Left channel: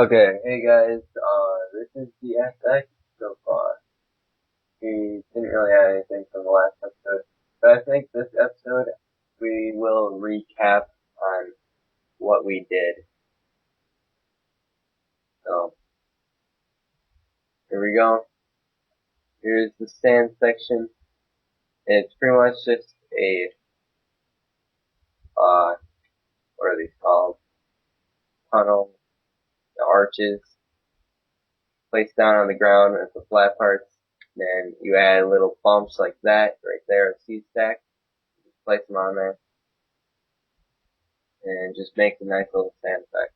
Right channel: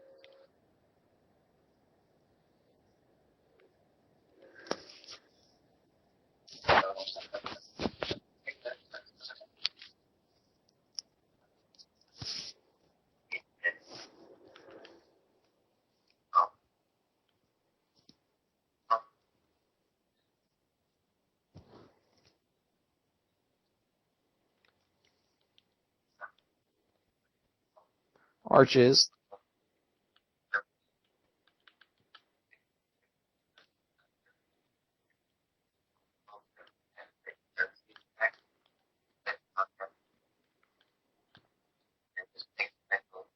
Okay, hey guys, this is the FX so far. We didn't really have anything from the last episode, but I think this episode we will recap on what we did. So, here we go. Here's the sand section. It's pretty much just a, what are these called? Tunnel, Arches. the arches, placed down on the ground with the flat parts. Then you add little bumps like that right there, a seed stack. Place them on there. And just make a nice little sand effect.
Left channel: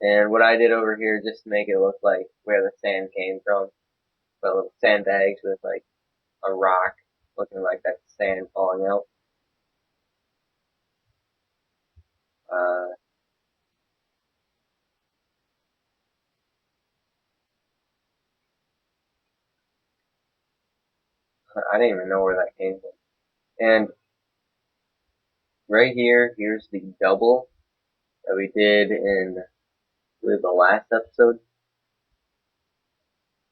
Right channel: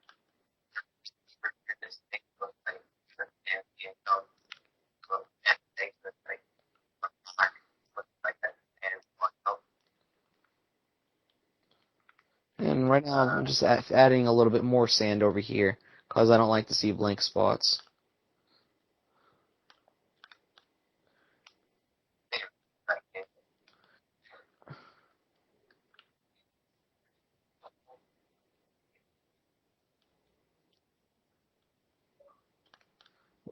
And what I did over here, just to make it look like where the sand came from, the little sandbags with like a rock, looking like that sand falling out. And right now I'm just adding a little bit more sand over here because I don't like to see blank spots. I didn't even know where that came from. And right here, here's the double that we did in, I believe, the last episode.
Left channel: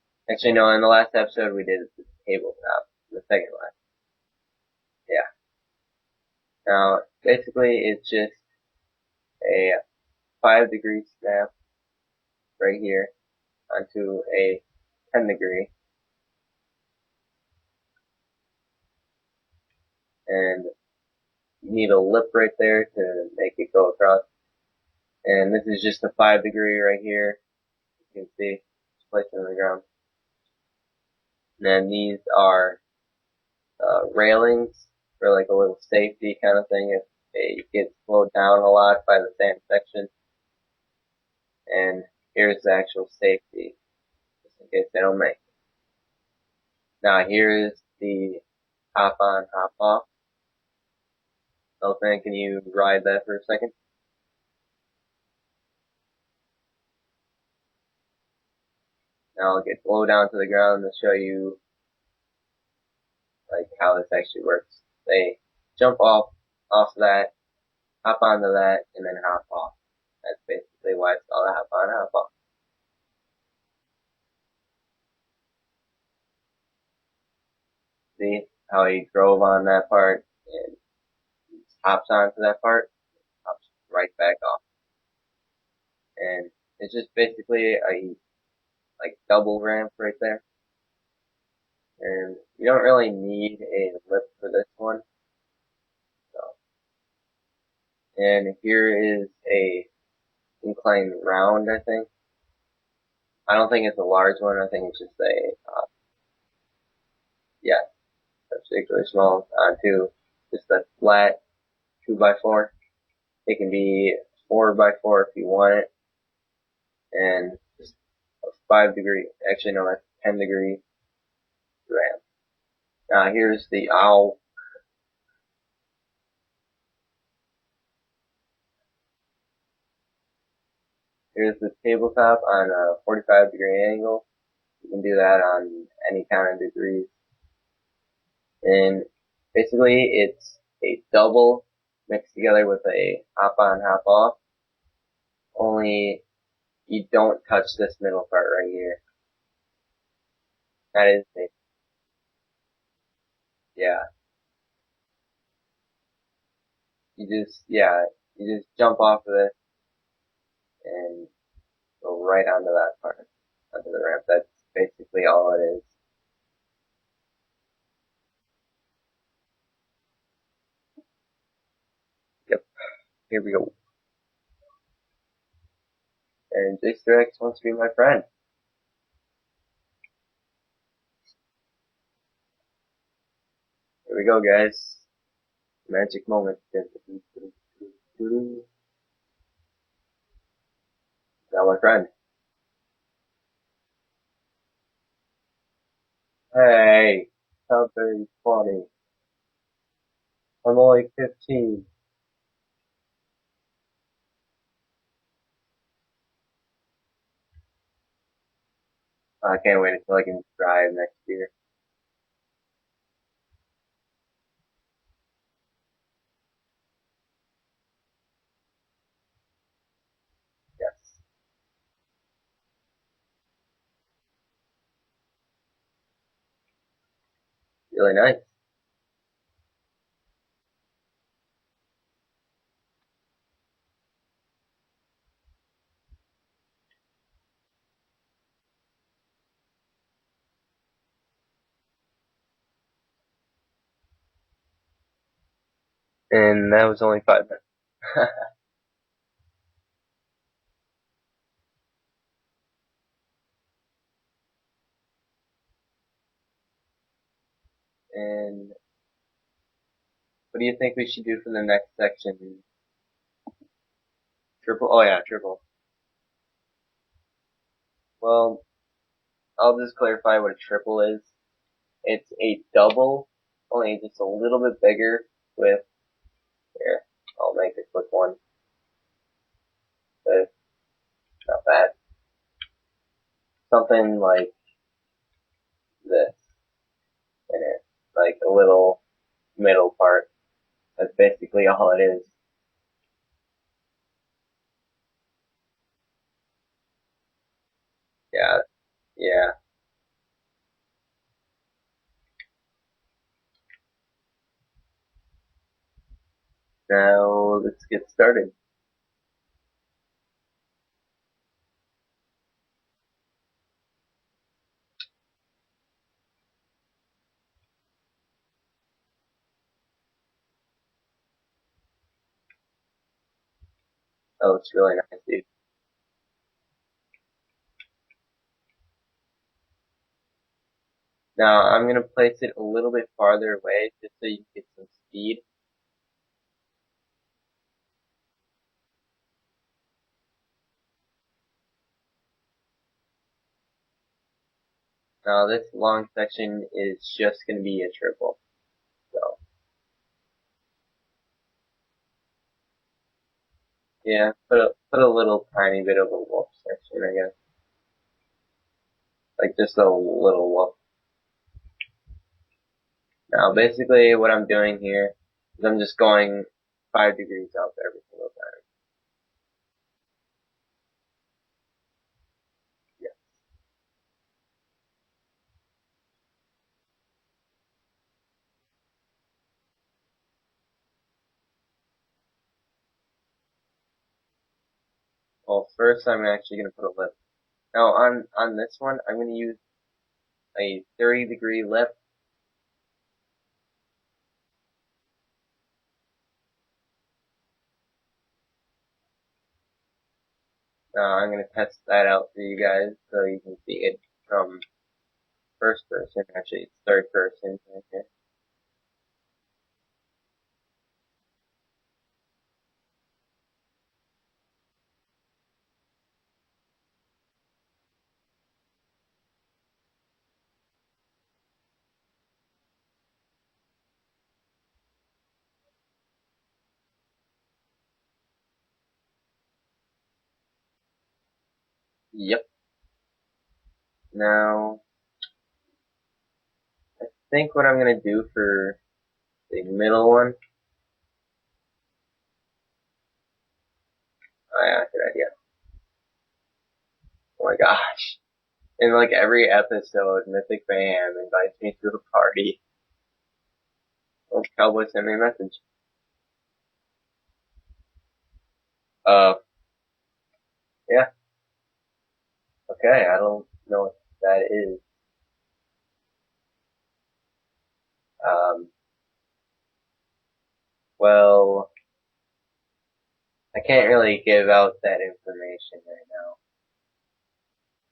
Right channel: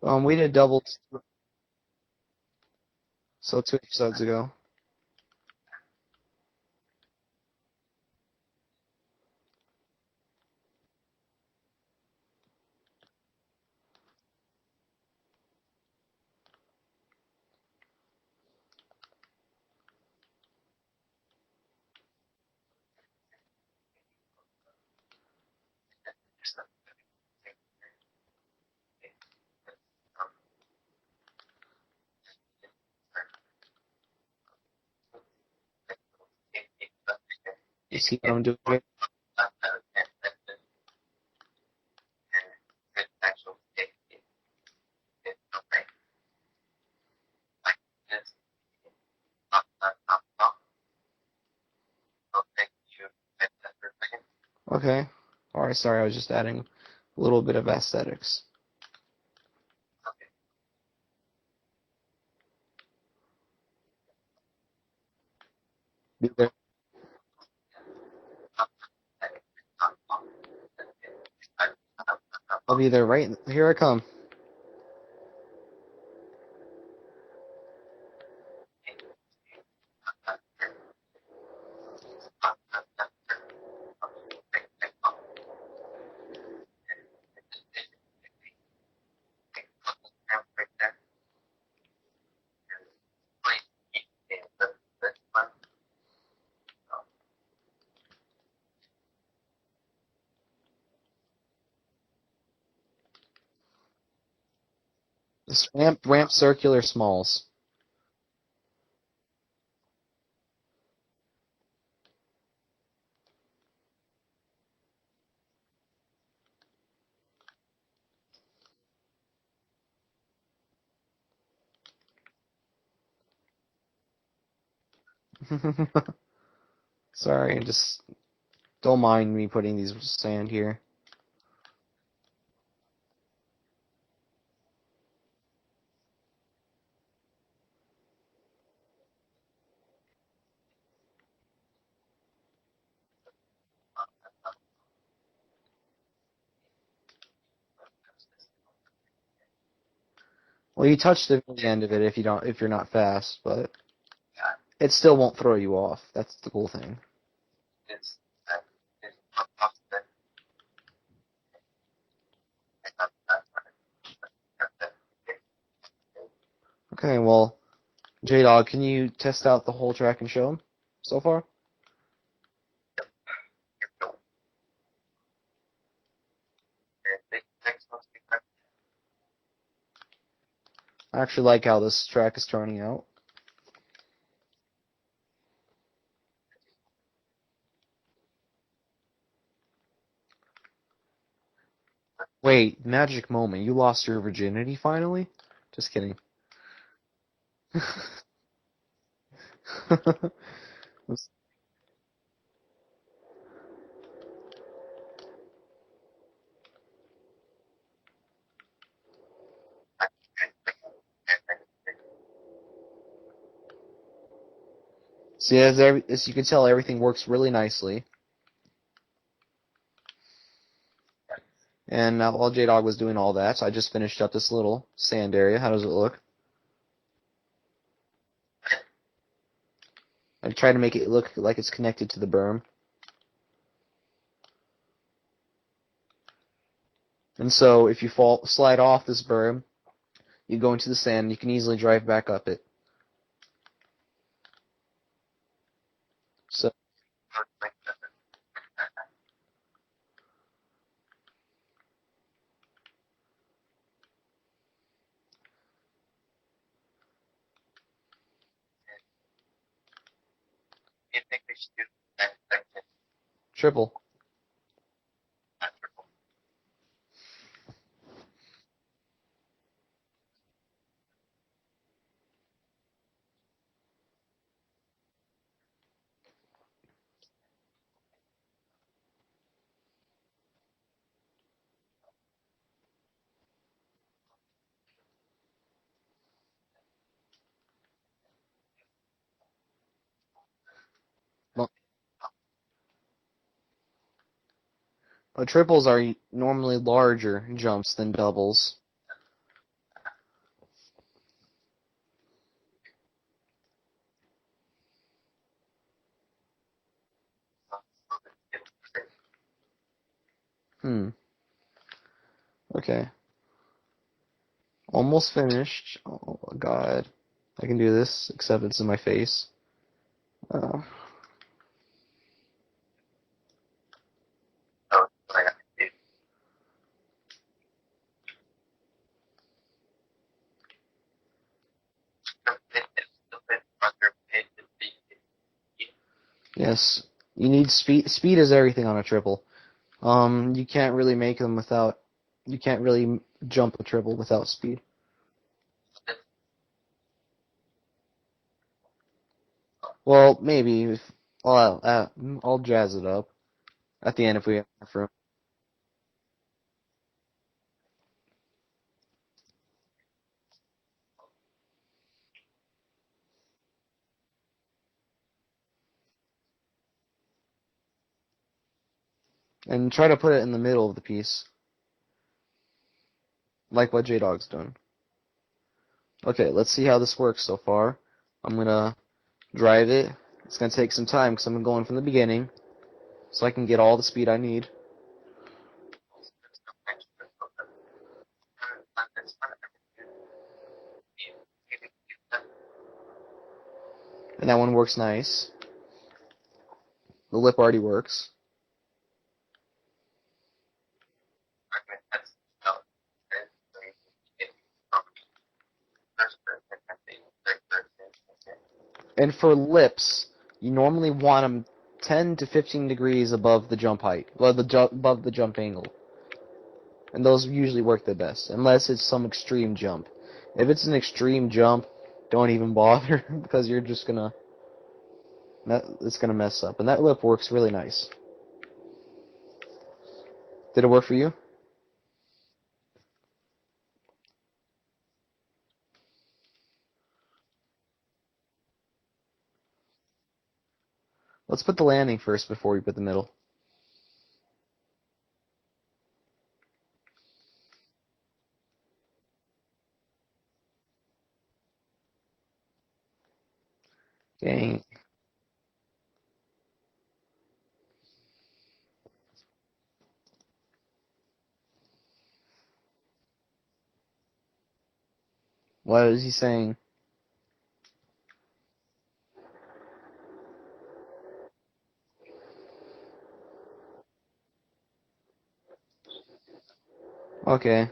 We Actually, did no, in the doubles, last episode we did the tabletop, the second so one. 2 episodes ago. Yeah. Now, basically, it's just a 5-degree snap right here onto a 10-degree, and you need a lip right there to make it go across. And this is just a 5-degree right here. You can see, placed on the ground. And then these are railings for like a little safety kind of thing if it gets You see what slowed I'm doing, down a right? lot by the sand section. And here's the actual safety in case they don't make. Now here's the hop on, hop off. Elfman, can you ride that for a second? Okay. Alright, sorry, I was just adding a little bit of aesthetics. Now I'll get low down to the ground to show you like how this actually works. They jump off of that, hop onto that, and then hop off. That's basically why it's called a hop on, hop off. I'll be there right. Here I come. See how he drove on that part and hops onto that part, hops right back off. And it's just basically a like double ramp right there. And you don't really need a lip for this one. So, and here is a inclined round, I think. I don't think it's a large one. I think it's just This a, ramp circular smalls. yeah, particularly small onto just a flat 2x4. It can be 4x4 if you want it, and just a 5-degree. Actually, no, that's 10-degree ramp. Now here's the owl. Sorry, just don't mind me putting these sand here. Here's the tabletop on a 45-degree angle. You can do that on any kind of degrees. And basically, it's a double mixed together with a hop on, hop off. Only you don't touch this middle part right here. Well, you That is, touch the end of it if you're not fast, but yeah. it still won't throw you off. That's the cool thing. You just jump off of it and go right onto that part, onto the ramp. That's basically all it is. Okay, well, J-Dog, can you test out the whole track and show them so far? Yep. Here we go. And J-Strax wants to be my friend. I actually like how this track is turning out. Here we go, guys. Magic moment. Now my friend. Wait, magic moment. You lost your virginity finally? Just kidding. Hey, something funny. I'm only 15. I can't wait until I can drive next year. See, as you can tell, everything works really nicely. Yes. And while J-Dog was doing all that, I just finished up this little sand area. How does it look? Really nice. I tried to make it look like it's connected to the berm. And so if you slide off this berm, you go into the sand, and you can easily drive back up it. And that was only 5 minutes. And what do you think we should do for the next section? Triple. Triple? Oh yeah, triple. Well, I'll just clarify what a triple is. It's a double, only just a little bit bigger with, here, I'll make a quick one. But not bad. Something like this in it. Like a little middle part. That's basically all it is. But triples are normally larger jumps than doubles. Yeah. Now, let's get started. Okay. Almost finished. Oh my god. I can do this, except it's in my face. Oh, it's really nice. Now, I'm going to place it a little bit farther away so you can get some speed. Yes. You need speed. Speed is everything on a triple. You can't really make them without... You can't really jump a triple without speed. Now, this long section is just going to be a triple. So. Well, maybe. I'll jazz it up. At the end, if we put a little tiny bit of a wolf section, I guess. Like just a little wolf. Now, basically, what I'm doing here is I'm just going 5 degrees up every single time. And try to put it in the middle of the piece. Yeah. Like what J-Dog's done. Okay, let's see how this works so far. I'm gonna drive it. It's gonna take some time because I'm going from the beginning, so I can get all the speed I need. Well, first I'm actually going to put a lip. Now, on this one, I'm going to use a 30-degree lip. And that one works nice. The lip already works. I'm going to test that out for you guys so you can see it from first person. Actually, it's third person. Okay. And for lips, you normally want them 10 to 15 degrees above the jump height, above the jump angle. And those usually work the best, unless it's some extreme jump. If it's an extreme jump, don't even bother, because you're just gonna... It's gonna mess up. And that lip works really nice. Did it work for you? Yep. Now, I think what I'm going to do for the middle one... Let's put the landing first before we put the middle. Oh yeah, good idea. Oh my gosh. In like every episode, Mythic Bam invites me to a party. Oh, Cowboy sent me a message. Yeah. Okay, I don't know what that is. What is he saying? Well, I can't really give out that information right now. Okay.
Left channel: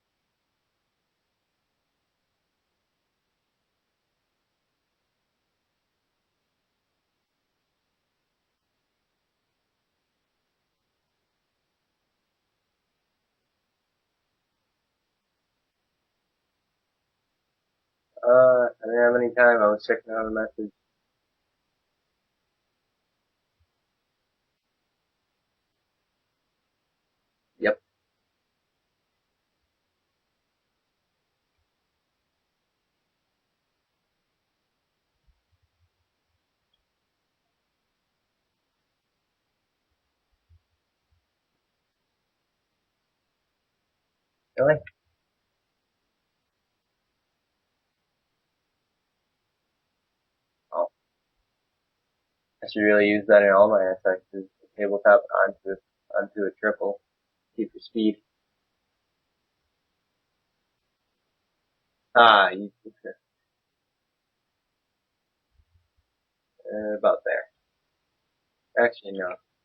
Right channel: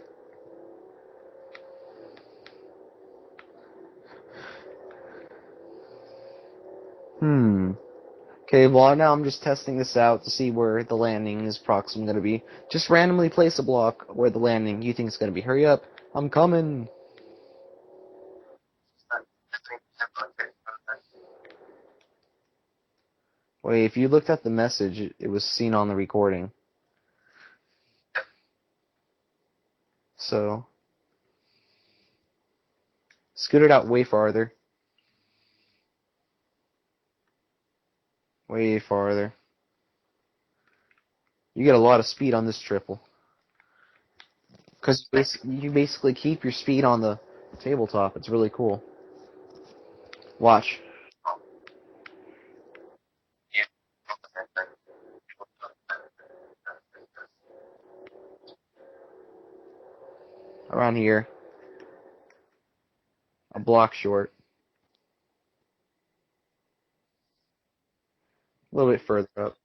Okay, well now I'm just testing this out to see where the landing is proximate going to be. Just randomly place a block where the landing you think is going to be. Hurry up. I'm coming. I didn't have any time. I was checking on the message. Wait, if you looked at the message, it was seen on the recording. Yep. So, scoot it out way farther. Way farther. You get a lot of speed on this triple. Really? Because you basically keep your speed on the tabletop. It's really cool. Watch. Oh, I should really use that in all my SRCs. Tabletop onto a triple. Keep the speed. Around here. Ah, you, A block short. about there. A little bit Actually, no. further up.